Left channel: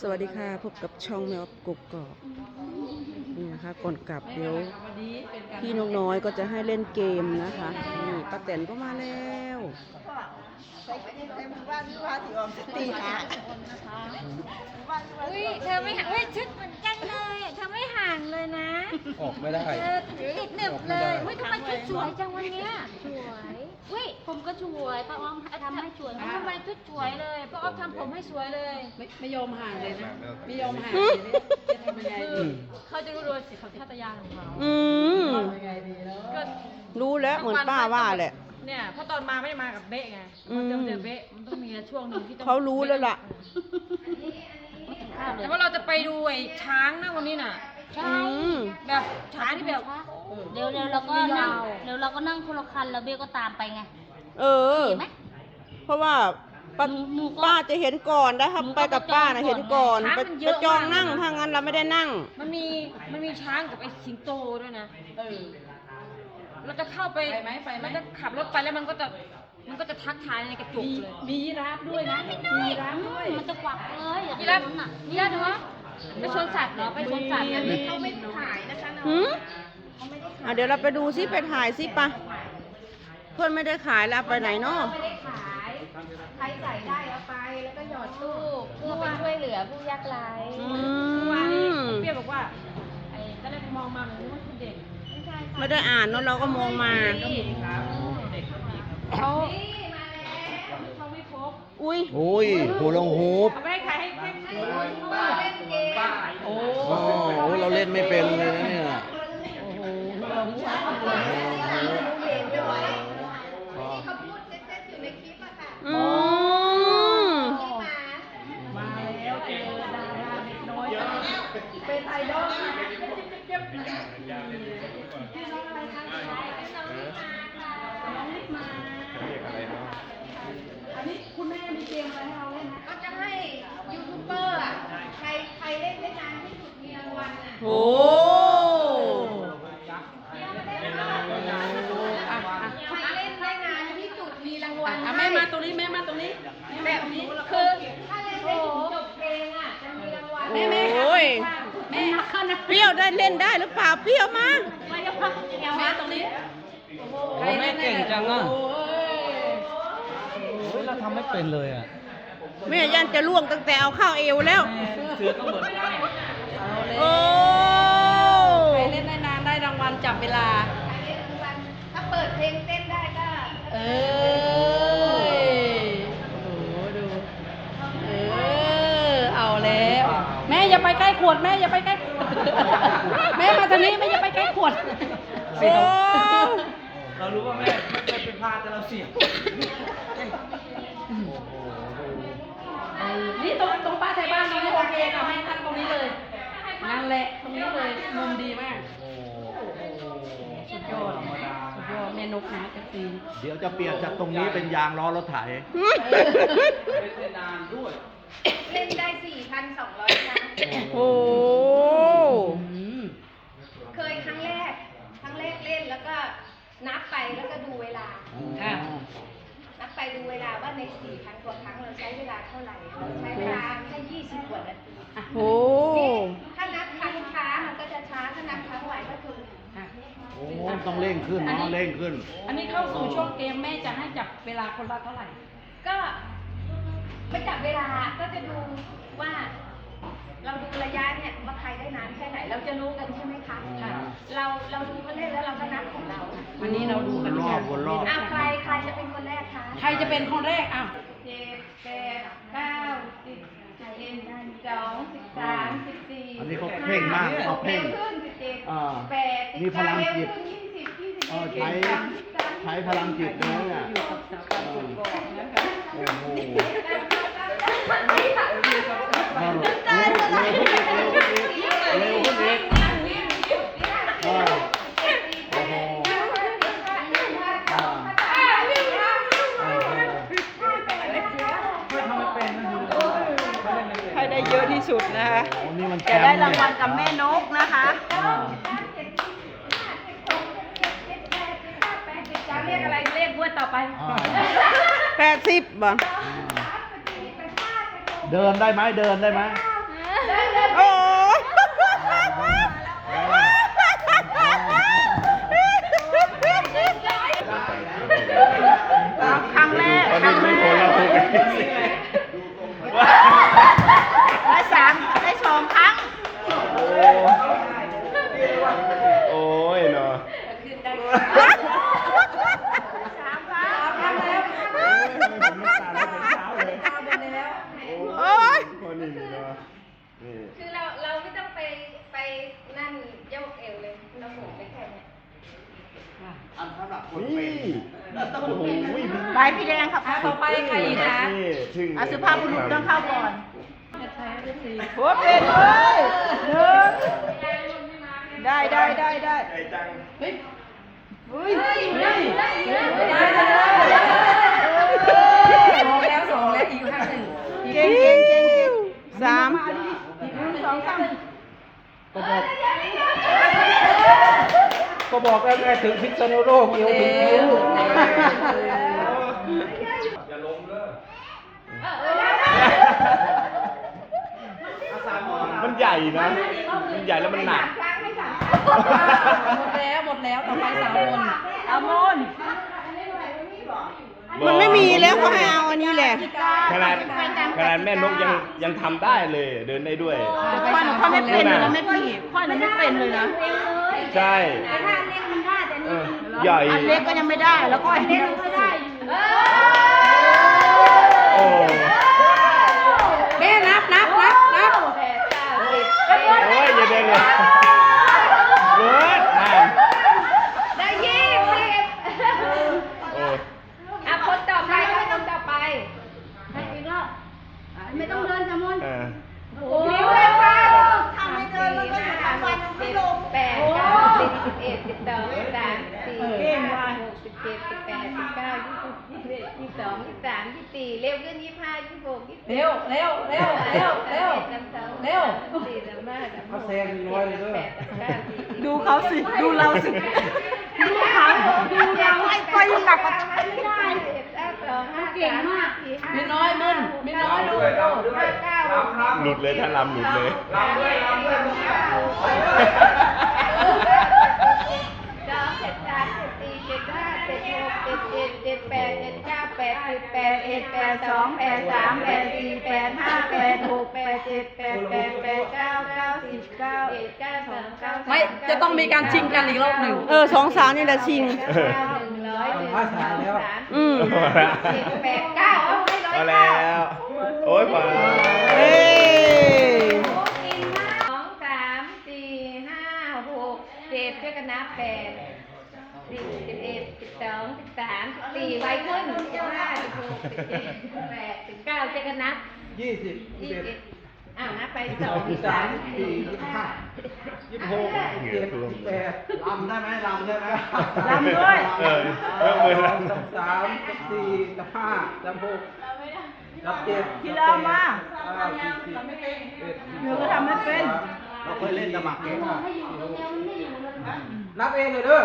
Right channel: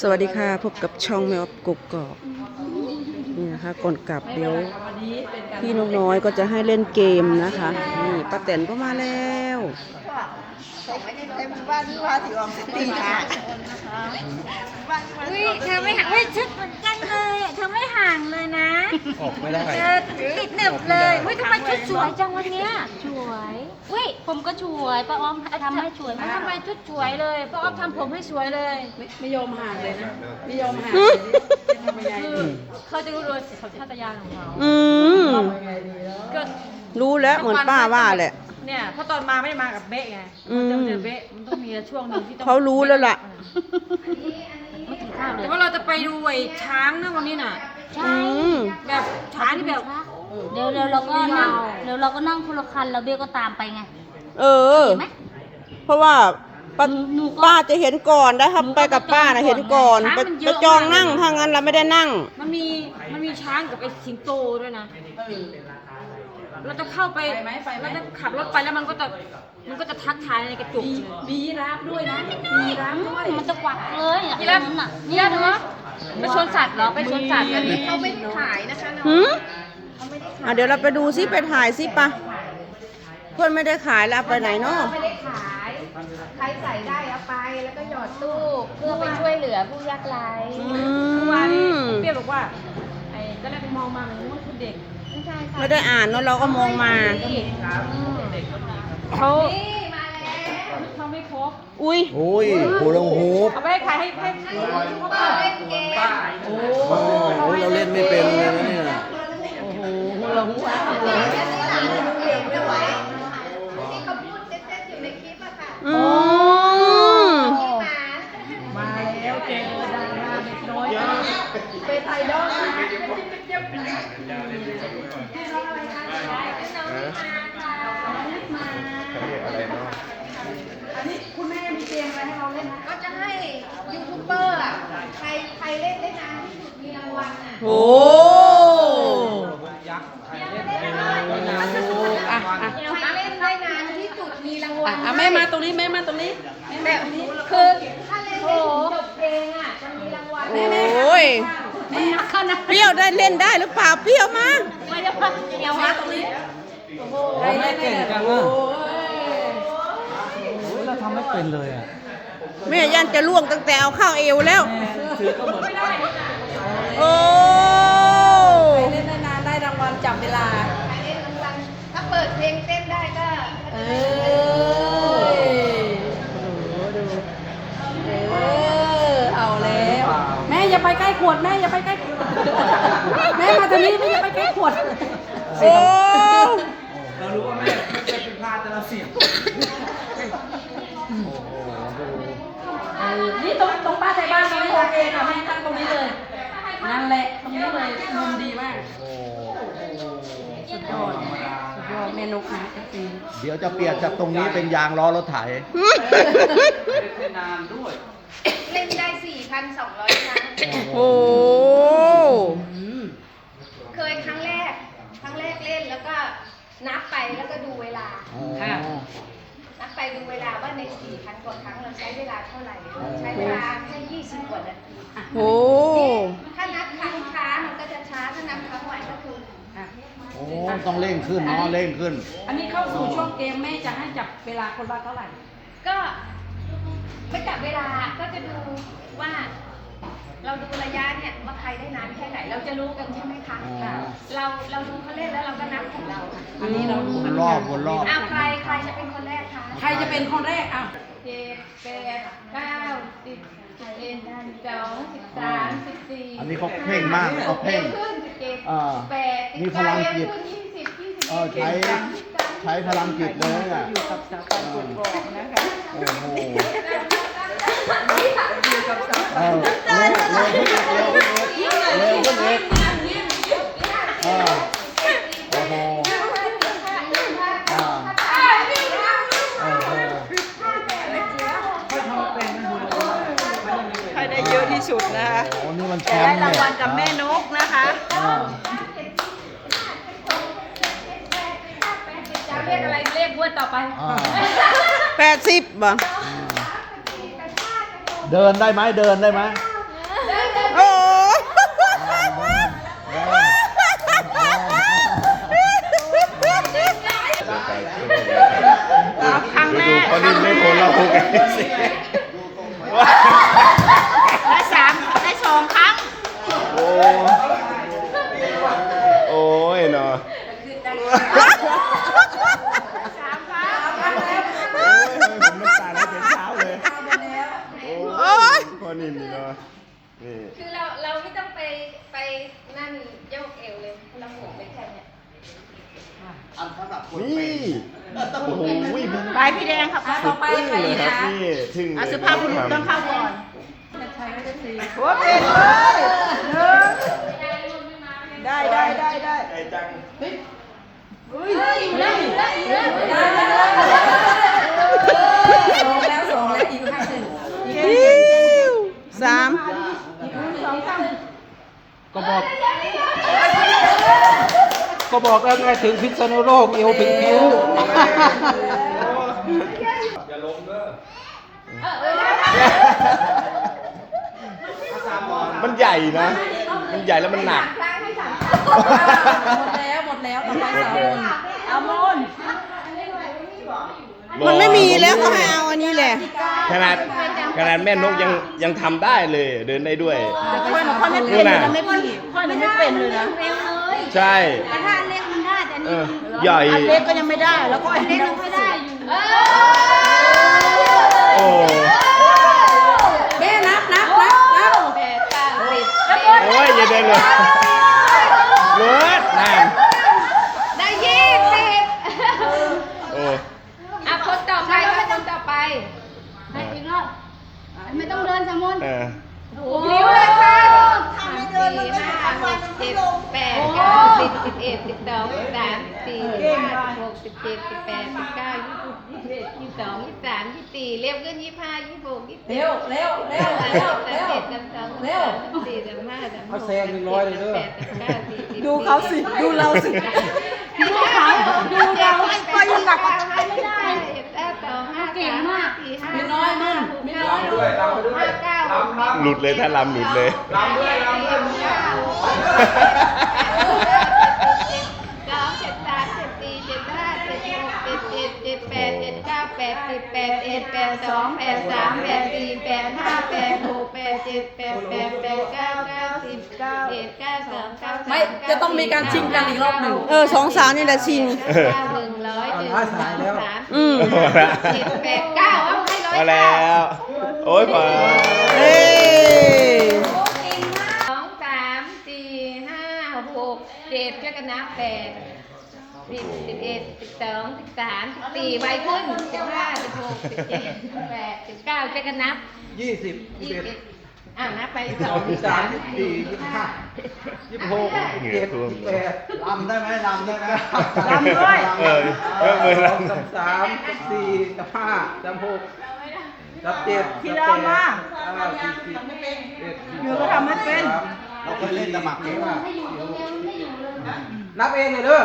สวัสดีค่ะพบกับช่องแมวกกกอกนี่นะคะก่อนกลับเดี๋ยวพี่นกน้อยก็จะให้เล่นเกมนะคะนี่ ป้าแตนก็มาแล้วเฮ้ยเธอไม่ห่างเฮ้ยชุดเหมือนกันเลยเธอไม่ห่างเลยนะ ออกไม่ได้ เธอติดหนึบเลยเฮ้ยทำไมชุดสวยจังวันเนี้ยสวยเฮ้ยผมก็สวยป้าอ้อมทำให้สวยทำไมชุดสวยเลยป้าอ้อมทำผมให้สวยเลย ไม่ยอมห่างเลยนะไม่ยอมห่างอืมคือเขาจะรู้เลยสัญชาตญาณของเขาอืม ก็ รู้แล้วเหมือนป้าว่าแหละ เนี่ยเพราะตอนมาไม่ได้มากับเบ๊ะไงอืมมันจะเจอเบ๊ะมันต้องมีช่วงหนึ่งที่ต้องเขารู้แล้วล่ะ ไม่กินข้าวเลยแต่ว่าเราจะไปดูไอ้ช้างนะวันนี้น่ะอืมแบบช้างที่แบบเดี๋ยวเดี๋ยวเราก็นั่งเดี๋ยวเราก็นั่งคนละคันแล้วเบลก็ตามไปไง เออ เพราะว่าป้าป้าจะเห็นก่อนได้ครับไปกับป้านะเห็นก่อนไปไปจองนั่งถ้างั้นเราไม่ได้นั่ง มันมีมันมีช้างกับไอ้สิงโตด้วยนะ เราจะเข้าไปเราจะขับรถไปแล้วมันก็จะมันก็จะทักทายในกระจกมียีราฟด้วยนะมียีราฟด้วยมันจะกวักเลยอะยีราฟนั้นน่ะยีราฟเหรอไปชนสัตว์เหรอไปชนสัตว์กันนี่เขาไม่หืมอะเดี๋ยวเราไปดูซิไปถ่ายซิปะเพื่อนไม่ได้ขายแล้วเอาไปไหนเนาะไม่ได้ขายใครใส่ได้เอาไปแล้วก็หยอดตู้เพื่อไปช่วยเหลือผู้ยากไร้อืว่ามเพี่บอกว่าไอ้ก็เลยมองมาเหมือนว่าคุณเด็ก ไม่ได้อ่านเนาะเราก็มองมาเขาเขาไม่ครบอุ้ยโอ้ยโหลงฮูปเอาไปให้ใครให้ให้โอ้โอ้โหเราเล่นไม่เป็นเลยนะเนี่ยที่เขาพูดเต้นๆอยู่ในคลิปอะค่ะ อืม ที่มาเป็นไอดอลนะ ก็จะให้ยูทูบเบอร์อะใครใครเล่นได้นานที่สุดมีรางวัลอะ โอ้ ใครเล่นได้นานที่สุดมีรางวัล อะแม่มาตรงนี้แม่มาตรงนี้ แบบคือถ้าเล่นได้ถึงจบเพลงอะจะมีรางวัล โอ้ยเปรี้ ยวได้เล่นได้หรือเปล่าเปรี้ยวมาไม่เก่งจังอะเราทำไม่เป็นเลยอะ แม่ยันจะล่วงตั้งแต่เอาเข้าเอวแล้วโอ้ มุมดีมากสุดยอดสุดยอดแม่นกนะเอฟซีเดี๋ยวจะเปลี่ยนจากตรงนี้เป็นยางล้อรถไถ เล่นได้ 4,200 ครั้ง โอ้เคยครั้งแรก ครั้งแรกเล่นแล้วก็นับไปแล้วก็ดูเวลา ค่ะ นับไปดูเวลาว่าใน 4,000 กว่าครั้งเราใช้เวลาเท่าไหร่ เราใช้เวลาแค่20 กว่านาทีโอ้ถ้านับครั้งช้ามันก็จะช้า ถ้านับครั้งไวก็คือค่ะโอ้ต้องเร่งขึ้นต้องเร่งขึ้น อันนี้เข้าสู่ช่วงเกมแม่จะให้จับเวลาคนละเท่าไหร่ ก็ไม่จับเวลาก็จะดูว่า เราดูระยะเนี่ยว่าใครได้นานแค่ไหน เราจะรู้กันใช่ไหมคะอ๋อเราเราดูเขาเล่นแล้วเราก็นับของเราอันนี้เราดูวนรอบวนรอบ อ้าวใครใครจะเป็นคนแรกคะใครจะเป็นคนแรกอะเจ็ดแปดเก้าสิบสิบเอ็ดสิบสองสิบสามสิบสี่อันนี้เขาเพ่งมากเขาเพ่งขึ้นสิบเจ็ดอ่า แปดมีพลังจิต ขึ้นยี่สิบยี่สิบเอเอ็อดใช้ยี่สิบสามใช้พลังจิตเลยอะโอ้โหเออเร็วเร็วขึ้นเร็วเร็วขึ้นเร็วเออโอ้โหอ่าโอ้ โหใครได้เยอะที่สุดนะคะโอ้นี่มันแชจะมได้ป์รางเนี่ยวัลกับแม่นกนะคะ อ่าจะเรียกอะไรเรียกบวดต่อไป อ่าแปดสิบบ่เดินได้ไหมเดินได้ไหม ไสิ และสามและสองครั้ง โอ้โอ้ยเนาะผมน้ำตาไหลเป็นเช้าเลย โอ๊ย คนนี้นี่เนาะนี่ คือเราเราไม่ต้องไปไปนั่นโยกเอวเลย เราหมุนไปแค่เนี้ย นี่โอ้โห มึงไปพี่แดงครับสุดไปใครนะนี่ถึงเอาสุภาพบุรุษต้องเข้าก่อนได้ได้ได้ได้ไอ้จังอิ๊วสามก็บอกแล้วไงถึงพิษณุโลกเอวถึงนิ้ว มันใหญ่นะ มันใหญ่แล้วมันหนักมันไม่มีแล้วเขาให้เอาอันนี้แหละขนาดขนาดแม่นกยังยังทำได้เลย เดินได้ด้วย พ่อหนูพ่อไม่เป็นเลยนะไม่พี่พ่อหนูไม่เป็นเลยนะใช่เออใหญ่ อันเล็กก็ยังไม่ได้แล้วก็อันเล็กก็ได้อยู่โอ้ แม่นับนับนับนับแปดเก้าสิบโอ้ยอย่าเดินเลยรถนั่นได้ยี่สิบโอ้อะคนต่อไปคนต่อไปให้อีกรอบไม่ต้องเดินสมุนเออโอ้ยค่ะทำไม่ เดินมันก็อยู่ทั้งวันมันไม่ลงแปดสิบสิบเอ็ดสิบสองสิบสามสิบสี่สิบห้าสิบหกสิบเจ็ดสิบแปดสิบเก้ายี่สิบยี่สิบเอ็ดยี่สิบสองยี่สิบสามยี่สิบสี่เร็วขึ้นยี่สิบห้ายี่สิบหกยี่สิบเร็วเร็วเร็วเร็วเร็วเร็วสี่สิบห้าสิบหเอากแซงหนึ่งร้อยเลยเด้อดูเขาสิดูเราสิดูเขาดูเราก็ยังหลักกว่าไม่ได้เก่งมากมีน้อยมึงมีน้อยด้วยเรา ด้วยเก้าหลุดเลยถ้าลำหลุดเลยสองเจ็ดสามเจ็ดสี่เจ็ดห้าเจ็ดหกเจ็ดเจ็ดเจ็ดแปดเจ็ดเก้าแปดสิบแปดเอ็ดแปดสองแปดสามแปดสี่แปดห้าแปดหกแปดเจ็ดแปดแปดแปดเก้าเก้าสิบเก้าเอ็ดเก้าสองเก้าสามไม่จะต้องมีการชิงกันอีกรอบหนึ่งเอเออสองสาวนี่แหละชิง เก้าหนึ่งร้อยเจ็ดสองสามอืม เจ็ดแปดเก้าเอาให้ร้อยเอาแล้ว โอ้ยพอเอ้ยสองสามสี่ห้าหกเจ็ดช่วยกันนับแปดสิบสิบเอ็ดสิบสองสิบสามสิบสี่ใบขึ้นสิบห้าสิบหกสิบเจ็ดสิบแปดสิบเก้าช่วยกันนับยี่สิบยี่ยี่สิสิบบอ่านับไปสสอองงสามยี่สิบสี่ยี่สิบห้ายี่สิบหกยี่สิบเจ็ดยี่สิบแปดลำได้ไหมลำได้ไหมลำด้วย เออเออมือสลองสามสามสี่สามห้าสามหก สามเจ็ดที่เรามาเก้าสี่สิบเอ็ดหนูก็ทำไม่เป็น เราเคยเล่นตะหมักเองอะนับเองเลยเด้อ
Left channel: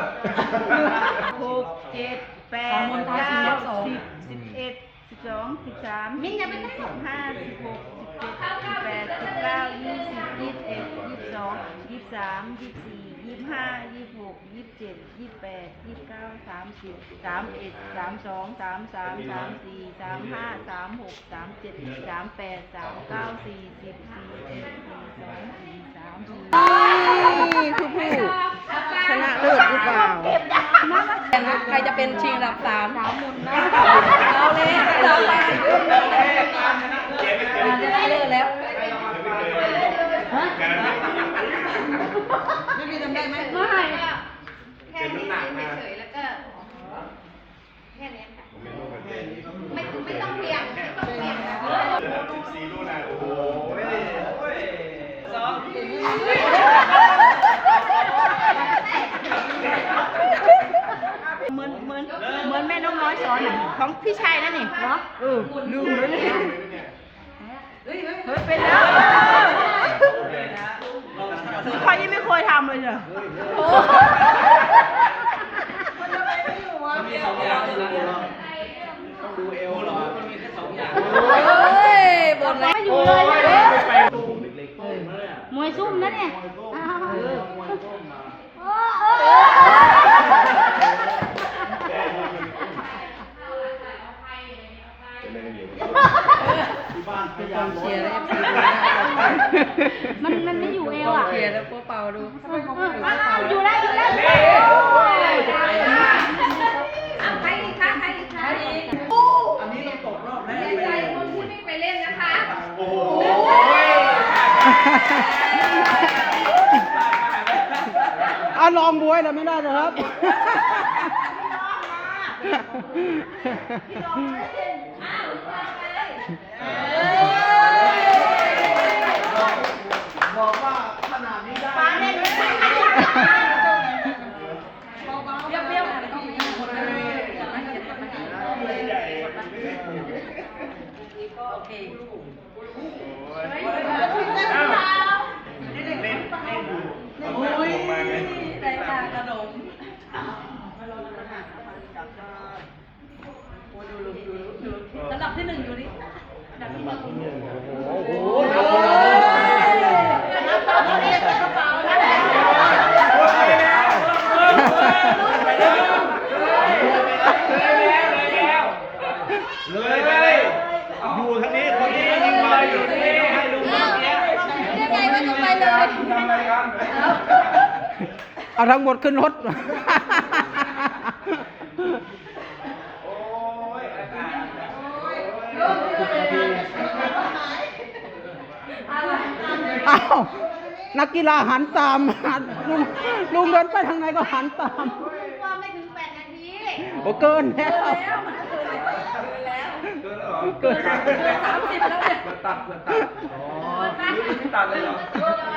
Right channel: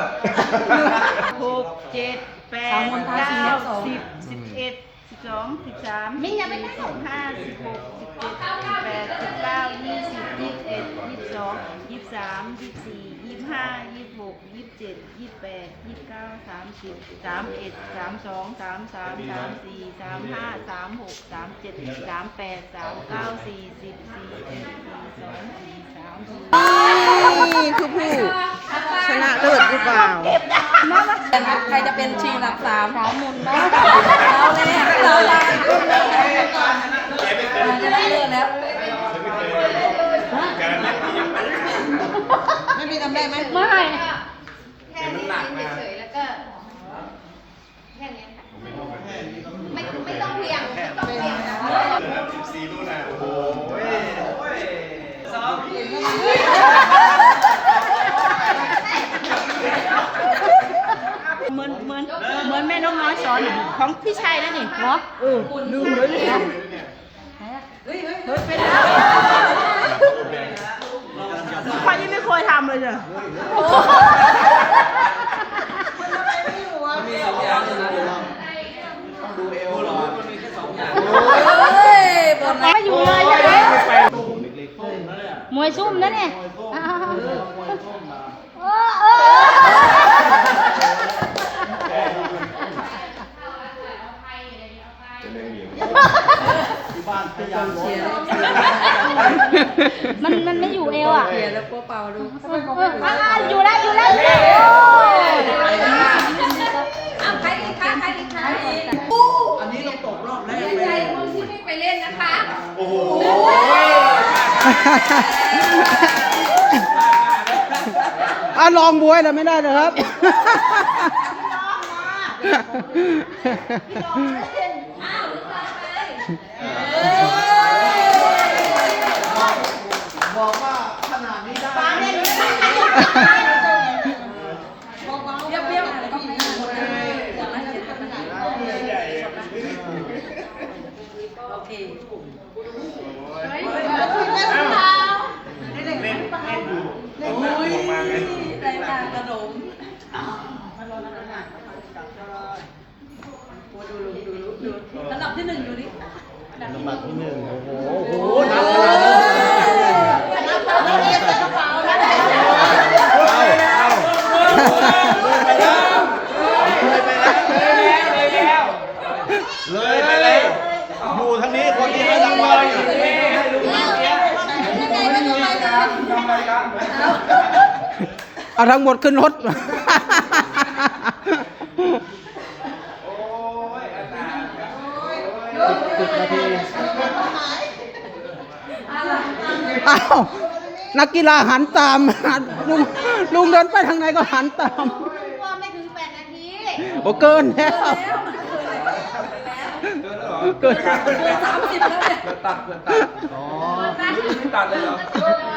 หกเจ็ดแปดเก้าสิบสิบเอ็ดสิบสองสิบสามมิ้นยังไม่ได้สิบห้าสิบหกสิบเจ็ดสิบแปดสิบเก้ายี่สิบยี่สิบเอ็ดยี่สิบสองยี่สิบสามยี่สิบสี่ ยี่ห้ายี่หกยี่เจ็ดยี่แปดยี่เก้าสามสิบสามเอ็ดสามสองสามสามสามสี่สามห้าสามหกสามเจ็ดสามแปดสามเก้าสี่สิบสี่เอ็ดสี่สองสี่สามสี่นี่คือผู้ชนะเลิศหรือเปล่าใครจะเป็นชิงหลักสามไม่มีจำได้ไหมไม่แค่นี้เฉยๆแล้วก็ แค่นี้ค่ะไม่ไม่ต้องเพียงไม่ต้องเพียงนะ สิบสี่ดูนะโอ้โห เหมือนเหมือนเหมือนแม่น้องน้อยสอนอะ ของพี่ชายแล้วนี่หัวเออลืมเลยเนี่ยใครยังไม่เคยทำเลยเนี่ยไม่อยู่เลยอะมวยซุ่มนะเนี่ยเออเออ เป็นเรื่องเดียว มันมันไม่อยู่เอวอะเปลี่ยนแล้วกลัวเป่าดูอ่าอยู่แล้วอยู่แล้วเอาใครอีกคะใครอีกคะอันนี้เราตกรอบแรกดีเลใจยคนที่ไม่ไปเล่นนะคะ โอ้โหอะลองบวยนะไม่ได้นะครับบอกว่าขนาดนี้ได้ ป้าเล่นไม่ได้ เปรี้ยวๆต้องไม่หมดเลยโอเค มาไง รายการขนมโอ้ดู ดูดูดูลำดับที่หนึ่งดูดิเลยไปเลยอยู่ทางนี้คนนี้ก็ยังมาอยู่ไม่รู้ให้รู้เมื่อกี้ยังไงก็ต้องไปเลยทำอะไรกันเอาทั้งหมดขึ้นรถ โอ้ยอาจารย์ อ้าวนักกีฬาหันตามหันลุงลุงเดินไปทางไหนก็หันตามว่าไม่ถึงแปดนาทีโอ้เกินแล้ว เกินแล้วเหรอเกินสามสิบแล้วเนี่ยเกิดตัดเกิดตัดอ๋อนี่ตัดเลยเหรอ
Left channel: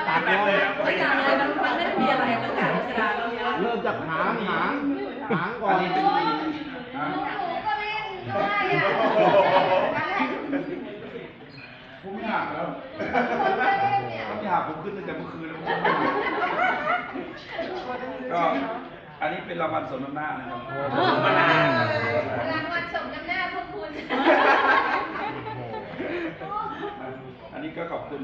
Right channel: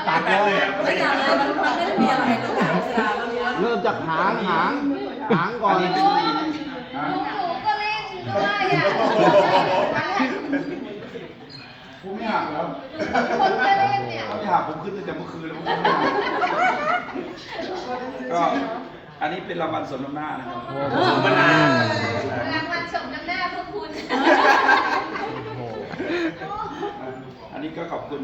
ตัดเลยไม่อยากเลยมันมันไม่ได้มีอะไรเลยเสียล้วนเริ่มจากหางหางหางก่อนหนูก็ เล่นด้วยอะผมไม่หักแล้วคนก็เล่นเนี่ยไม่หักผมขึ้นตั้งแต่เมื่อคืนแล้วก็อันนี้เป็นรางวัลสมน้ำหน้านะครับสมนารางวัลสมน้ำหน้าพวกคุณ อันนี้ก็ขอบคุณ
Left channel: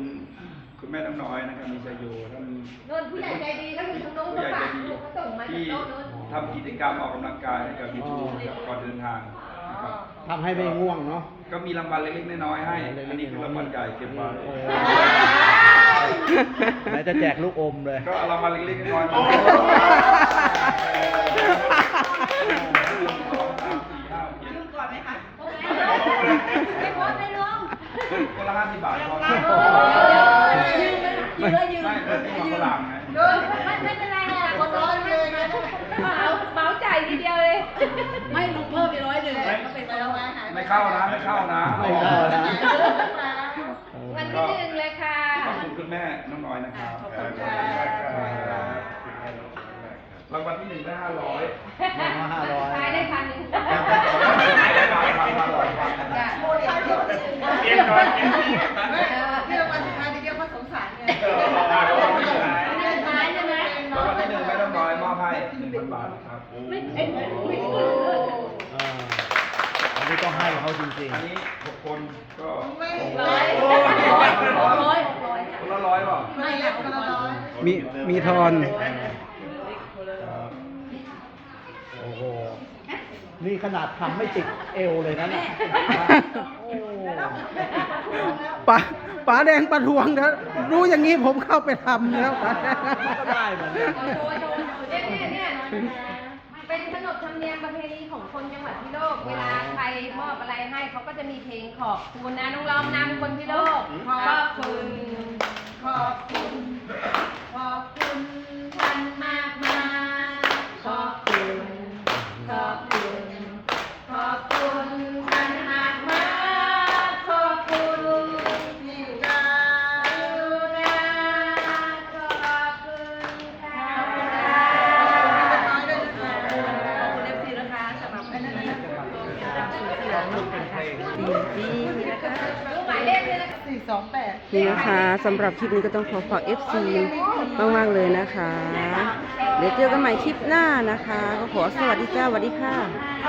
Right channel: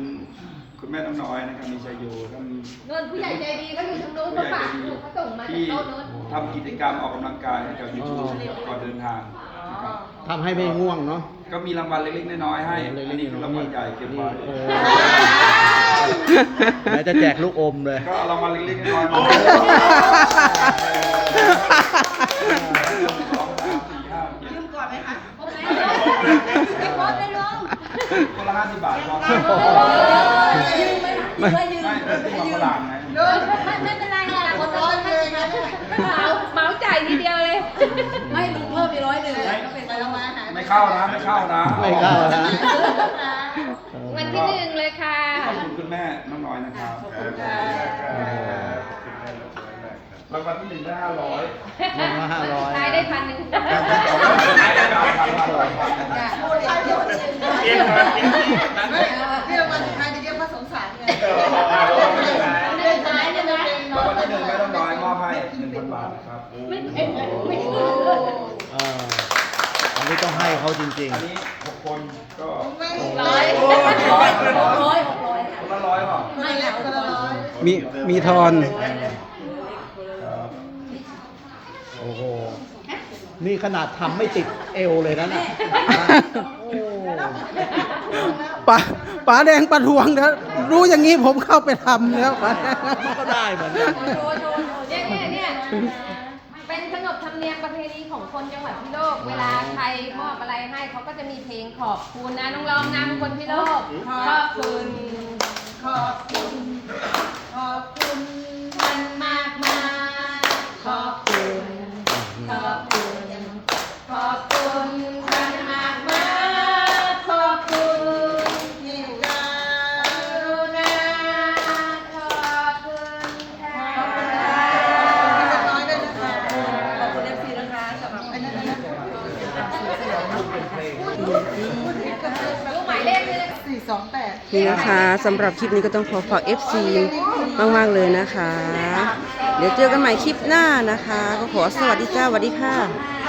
คุณแม่น้องน้อยนะครับมีชัยโยท่านเงินผู้ใหญ่ใจดีก็อยู่ทางโน้นผู้ก็ใหญ่ฝากใจดีลูกก็ส่งมาจากที่โต๊ะโน้นทำกิจกรรมออกกำลังกายให้กับยูทูบก่อนเดินทางนะครับ ทำให้ไม่ง่วงเนาะ ก็มีรางวัลเล็กๆน้อยๆให้อันนี้คือรางวัลใหญ่เกินไปเดี๋ยวจะแจกลูกอมเลย ก็เอารางวัลเล็กๆน้อยๆมายืมก่อนไหมคะไม่พอเลยน้องคนละห้าสิบบาทพอๆยืมยืมไม่เป็นที่มาฝรั่งไงไม่ไม่เป็นไร เข้านะไม่เข้านะไม่เข้านะ วันที่หนึ่งเลยค่ะขอบคุณคุณแม่น้องน้อยนะครับรางวัลที่หนึ่งได้ห้าร้อยลงมาห้าร้อยขายได้พันหนึ่งขายได้พันพันพันร้อยพันเย็นก่อนเย็นได้ขายยังไงรางวัลที่หนึ่งแม่น้องน้อยมอบให้หนึ่งพันบาทนะครับเออ อันนี้ต้องให้เขาจริงอันนี้หกคนก็ร้อยร้อยหกร้อยหกร้อยค่ะคนละร้อยเปล่าไม่ค่ะหกร้อยมีมีทอน ครับๆโอ้โห นี่ขนาดทำไม่ติดเอวเลยนะเนี่ยโอ้ป๋าป๋าแดงประทวงแล้วรู้อย่างนี้ผมเข้าไปทำแล้วป๋าก็ได้เหมือนกันเนี่ยเนี่ยเนี่ยเป็นขนบธรรมเนียมประเพณีของคนจังหวัดพิโลก เวลาใครมอบอะไรให้เขาก็จะมีเพลงขอบคุณนะน้องร้องนำคนพิโลกขอบคุณขอบคุณ ขอบคุณท่านมากมาย นะคะสำหรับคลิปนี้ก็ต้องขอฝาก FC มาก ๆ เลยนะคะ เดี๋ยวเจอกันใหม่คลิปหน้านะคะ ก็ขอสวัสดีจ้าสวัสดีค่ะ